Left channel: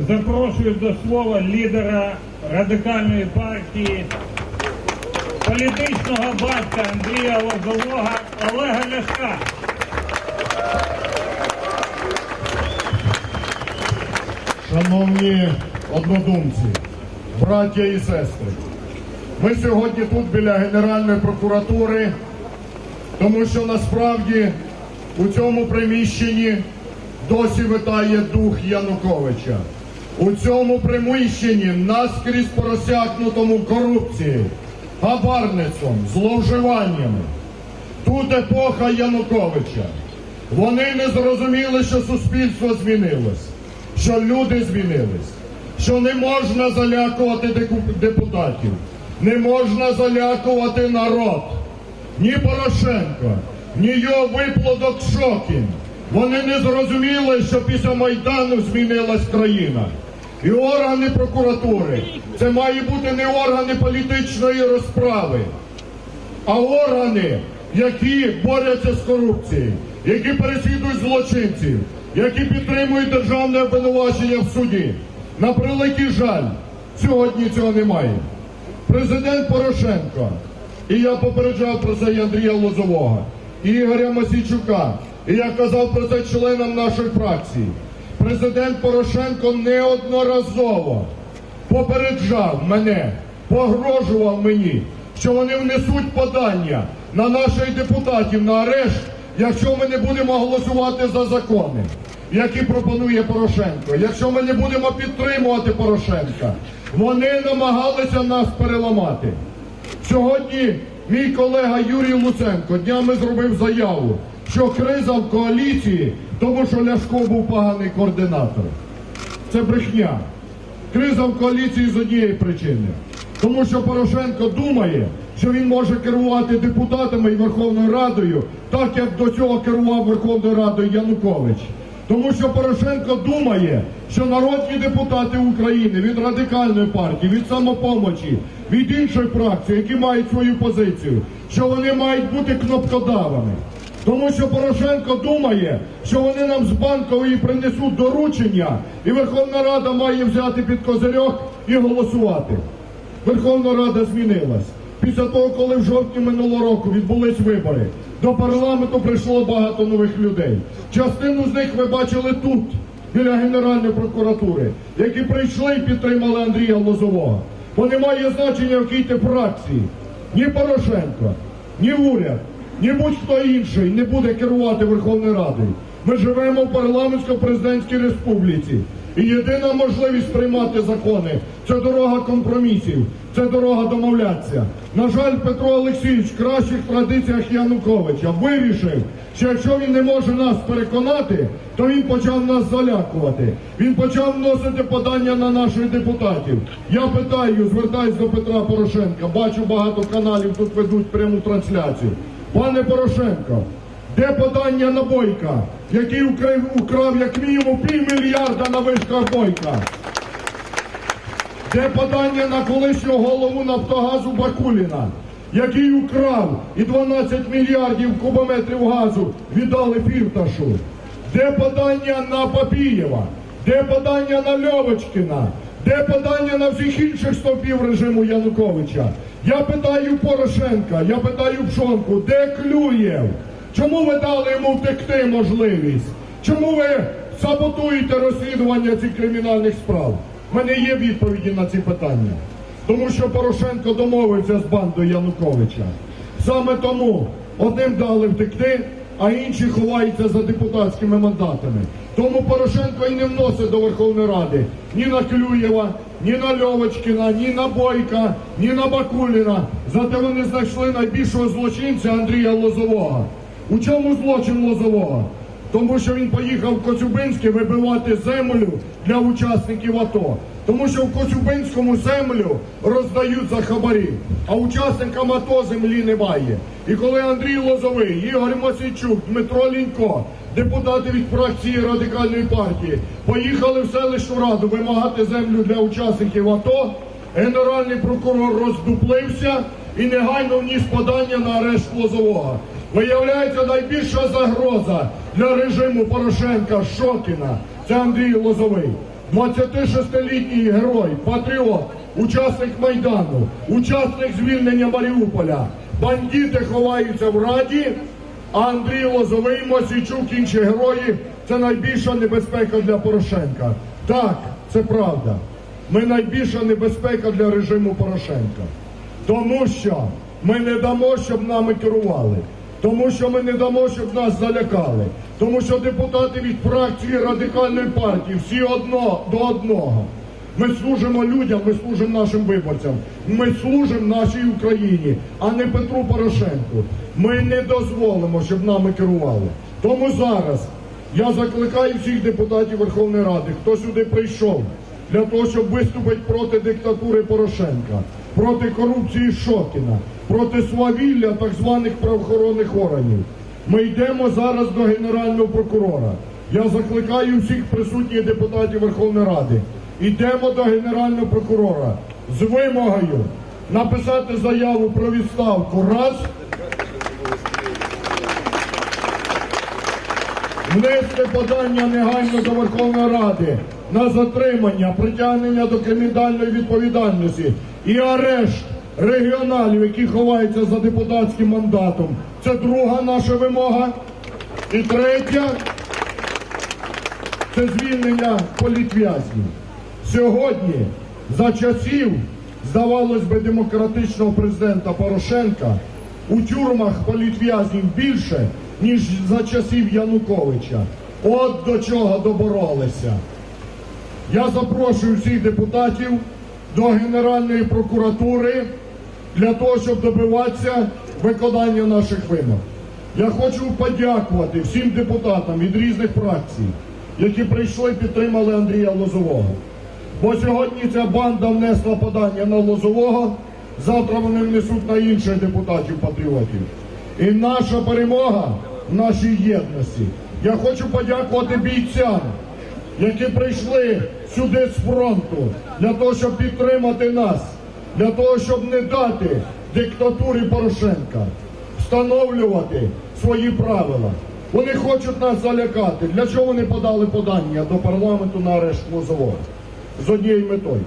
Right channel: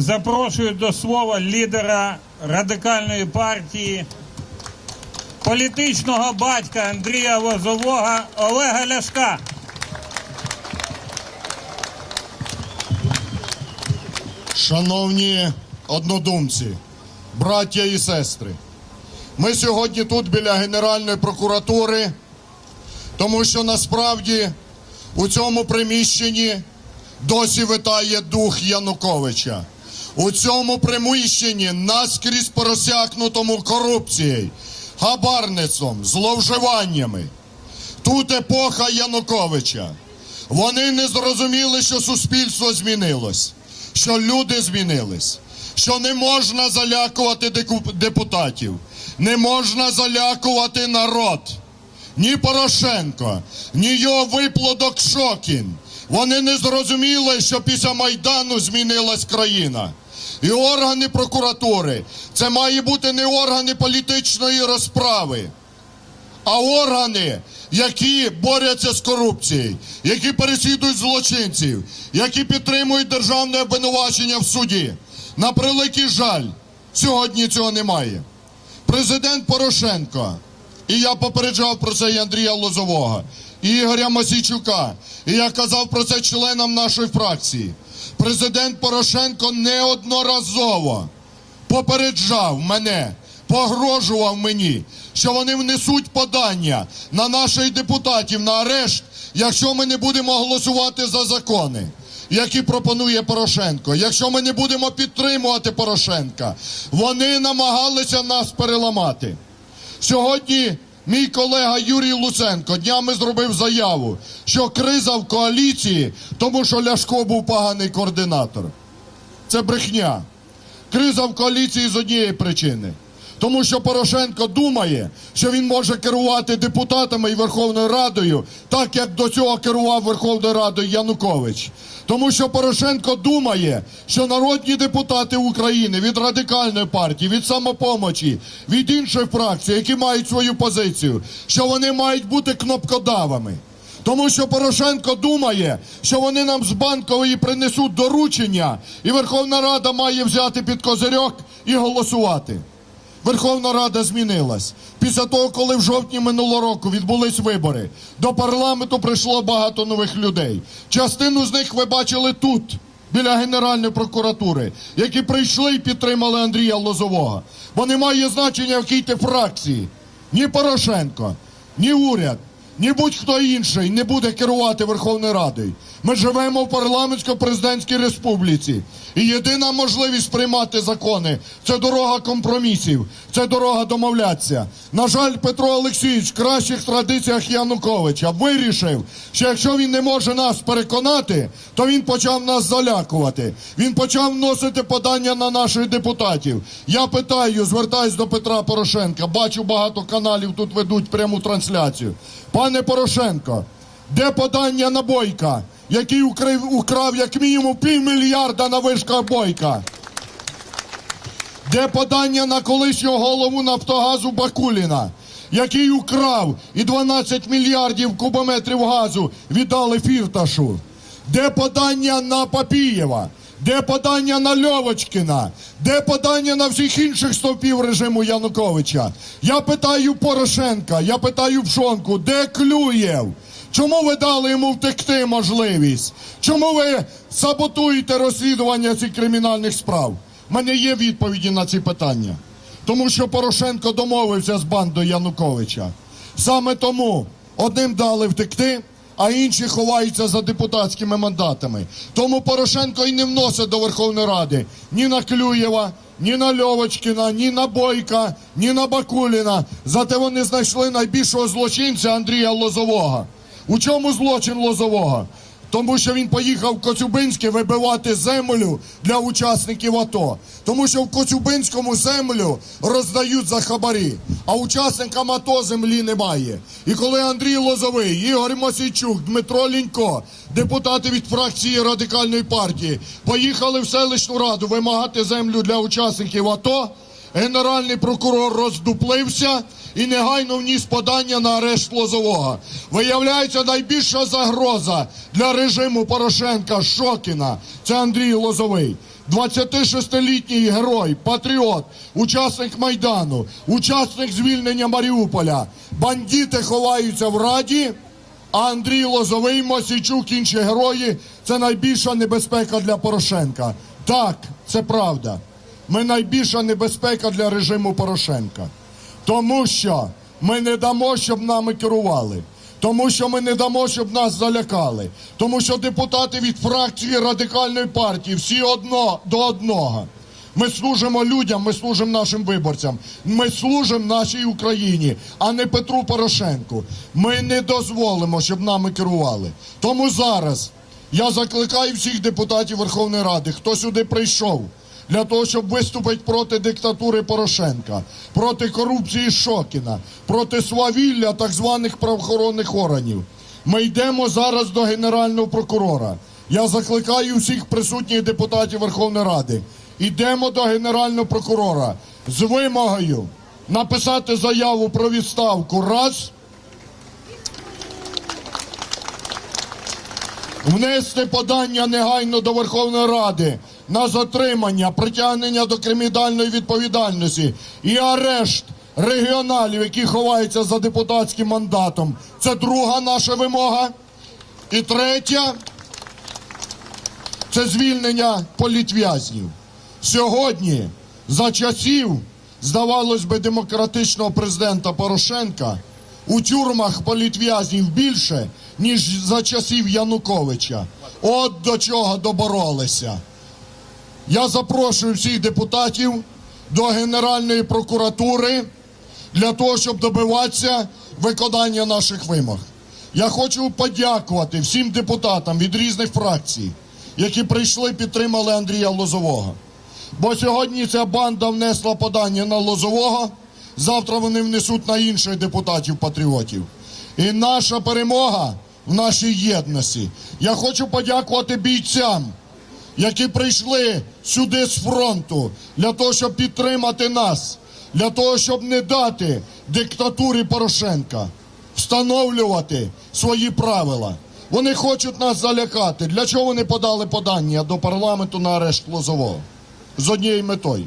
запрошую до слова лідера радикальної партії, політичного батька Андрія Лозового Олега Ляшка. Шановні однодумці, браття і сестри, ми сьогодні тут біля Генеральної прокуратури, тому що насправді у цьому приміщенні досі витає дух Януковича. У цьому приміщенні наскрізь просякнутому корупцією, хабарництвом, зловживаннями. Тут епоха Януковича. Вони не зрозуміли, що суспільство змінилось, що люди змінились, що не можна залякувати депутатів, не можна залякувати народ. Ні Порошенко, ні його виплодок Шокін. Вони не зрозуміли, що після Майдану змінилась країна. І органи прокуратури це має бути не органи політичної розправи а органи, які борються з корупцією, які переслідують злочинців, які підтримують державне обвинувачення в суді. На превеликий жаль, сьогодні цього немає. Президент Порошенко, і я попереджав про це і Андрія Лозового, Ігоря Масійчука, і я казав про це членам нашої фракції. Президент Порошенко неодноразово попереджав мене, погрожував мені, що вони внесуть подання на наших депутатів на арешт, якщо ми не будемо голосувати за закони, які пропонує Порошенко. Якщо ми не будемо підтримувати Порошенка, вони намагалися нас переламати. Сьогодні мій колега Юрій Луценко днями зробив заяву, що криза в коаліції, тому що Ляшко був поганий координатор. Це брехня. Криза в коаліції з однієї причини. Тому що Порошенко думає, що він може керувати депутатами і Верховною Радою, так як до цього керував Верховною Радою Янукович. Тому що Порошенко думає, що народні депутати України від радикальної партії, від самопомочі, від інших фракцій, які мають свою позицію, що вони мають бути кнопкодавами. Тому що Порошенко думає, що вони нам з банкової принесуть доручення, і Верховна Рада має взяти під козирьок і голосувати. Верховна Рада змінилась. Після того, коли в жовтні минулого року відбулись вибори, до парламенту прийшло багато нових людей. Частину з них ви бачили тут, біля Генеральної прокуратури, які прийшли і підтримали Андрія Лозового. Бо немає значення, в якій ти фракції. Ні Порошенко, ні уряд, ні будь-хто інший не буде керувати Верховною Радою. Ми живемо в парламентсько-президентській республіці. І єдина можливість приймати закони це дорога компромісів, це дорога домовлятися. На жаль, Петро Олексійович в кращих традиціях Януковича вирішив, що якщо він не може нас переконати, то він почав нас залякувати. Він почав вносити подання на наших депутатів. Я питаю, звертаюсь до Петра Порошенка. Бачу, багато каналів тут ведуть пряму трансляцію. Пане Порошенко, де подання на Бойка, який украв, як мінімум півмільярда на вишках Бойка? Де подання на колишнього голову Нафтогазу Бакуліна, який украв і 12 мільярдів кубометрів газу віддали Фірташу? Де подання на Папієва? Де подання на Льовочкіна? Де подання на всіх інших стовпів режиму Януковича? Я питаю Порошенка, я питаю Пшонку, де Клюєв? Чому ви дали йому втекти можливість? Чому ви саботуєте розслідування цих кримінальних справ? У мене є відповіді на ці питання. Тому що Порошенко домовився з бандою Януковича. Саме тому одним дали втекти, а інші ховаються за депутатськими мандатами. Тому Порошенко і не вносить до Верховної Ради ні на Клюєва, ні на Льовочкіна, ні на Бойка, ні на Бакуліна. Зате вони знайшли найбільшого злочинця Андрія Лозового. У чому злочин Лозового? Тому що він поїхав в Коцюбинське вибивати землю для учасників АТО. Тому що в Коцюбинському землю роздають за хабарі, а учасникам АТО землі немає. І коли Андрій Лозовий, Ігор Масійчук, Дмитро Лінько, депутати від фракції радикальної партії, поїхали в селищну раду вимагати землю для учасників АТО. Генеральний прокурор роздуплився і негайно вніс подання на арешт Лозового. Виявляється, найбільша загроза для режиму Порошенка Шокіна це Андрій Лозовий. 26-літній герой, патріот, учасник Майдану, учасник звільнення Маріуполя. Бандити ховаються в Раді, а Андрій Лозовий, Мосійчук, інші герої це найбільша небезпека для Порошенка. Так, це правда. Ми найбільша небезпека для режиму Порошенка. Тому що ми не дамо, щоб нами керували. Тому що ми не дамо, щоб нас залякали. Тому що депутати від фракції радикальної партії всі одно до одного. Ми служимо людям, ми служимо нашим виборцям. Ми служимо нашій Україні, а не Петру Порошенку. Ми не дозволимо, щоб нами керували. Тому зараз я закликаю всіх депутатів Верховної Ради, хто сюди прийшов для того, щоб виступити проти диктатури Порошенка, проти корупції Шокіна, проти свавілля так званих правоохоронних органів. Ми йдемо зараз до Генерального прокурора. Я закликаю всіх присутніх депутатів Верховної Ради. Йдемо до Генерального прокурора з вимогою написати заяву про відставку раз. Внести подання негайно до Верховної Ради на затримання, притягнення до кримінальної відповідальності і арешт регіоналів, які ховаються за депутатським мандатом. Це друга наша вимога. І третя це звільнення політв'язнів. Сьогодні, за часів, здавалось би, демократичного президента Порошенка, у тюрмах політв'язнів більше, ніж за часів Януковича. От до чого доборолися. Я запрошую всіх депутатів до Генеральної прокуратури для того, щоб добиватися виконання наших вимог. Я хочу подякувати всім депутатам від різних фракцій, які прийшли і підтримали Андрія Лозового. Бо сьогодні ця банда внесла подання на Лозового, завтра вони внесуть на інших депутатів-патріотів. І наша перемога в нашій єдності. Я хочу подякувати бійцям, які прийшли сюди з фронту для того, щоб підтримати нас, для того, щоб не дати диктатурі Порошенка встановлювати свої правила. Вони хочуть нас залякати. Для чого вони подали подання до парламенту на арешт Лозового? З однією метою.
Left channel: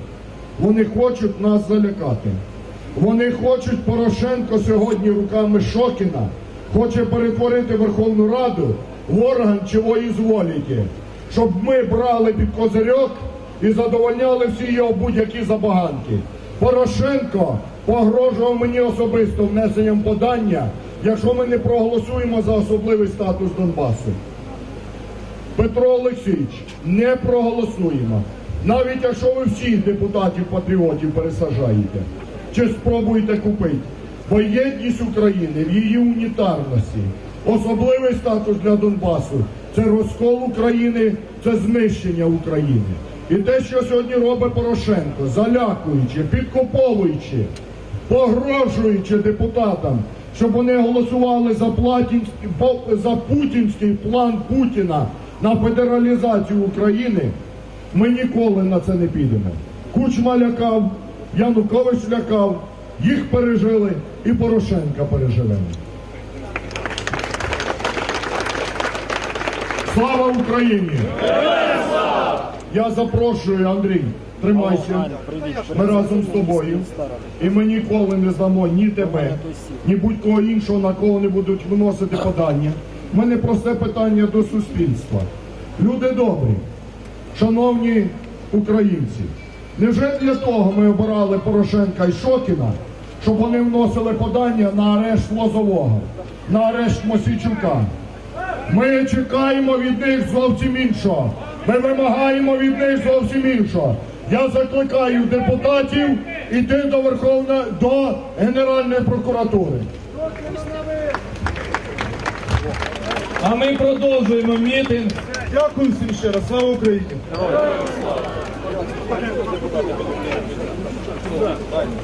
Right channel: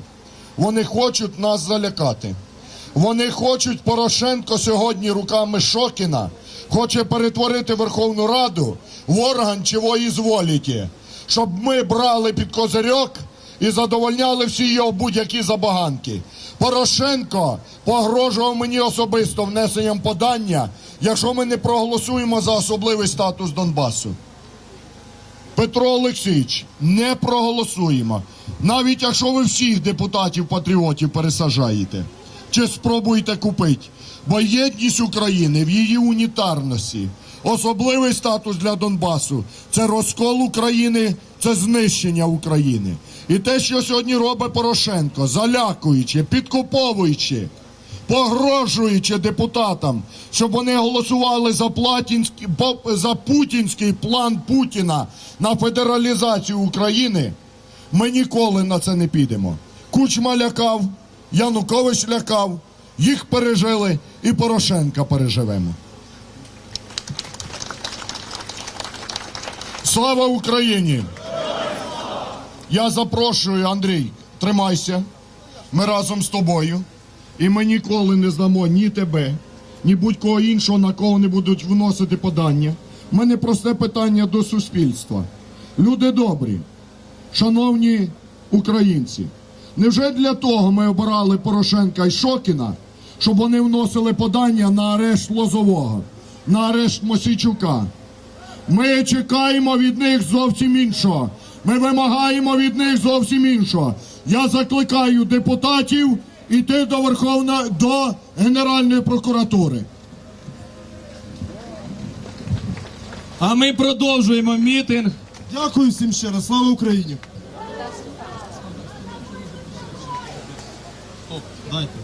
Вони хочуть нас залякати. Вони хочуть Порошенко сьогодні руками Шокіна хоче перетворити Верховну Раду в орган чого зволіті, щоб ми брали під козирьок і задовольняли всі його будь-які забаганки. Порошенко погрожував мені особисто внесенням подання, якщо ми не проголосуємо за особливий статус Донбасу. Петро Олексійович, не проголосуємо. Навіть якщо ви всіх депутатів-патріотів пересажаєте, чи спробуєте купити. Бо єдність України в її унітарності, особливий статус для Донбасу це розкол України, це знищення України. І те, що сьогодні робить Порошенко, залякуючи, підкуповуючи, погрожуючи депутатам, щоб вони голосували за, платінський, за путінський план Путіна на федералізацію України, ми ніколи на це не підемо. Кучма лякав, Янукович лякав, їх пережили і Порошенка переживемо. Слава Україні! Я запрошую, Андрій, тримайся. Ми разом з тобою. І ми ніколи не здамо ні тебе, ні будь-кого іншого, на кого не будуть вносити подання. У мене просте питання до суспільства. Люди добрі, шановні українці, невже для того ми обирали Порошенка і Шокіна, щоб вони вносили подання на арешт Лозового, на арешт Мосійчука? Ми чекаємо від них зовсім іншого. Ми вимагаємо від них зовсім іншого. Я закликаю депутатів іти до Верховної до Генеральної прокуратури. А ми продовжуємо мітинг. Дякую всім ще раз. Слава Україні! ضاني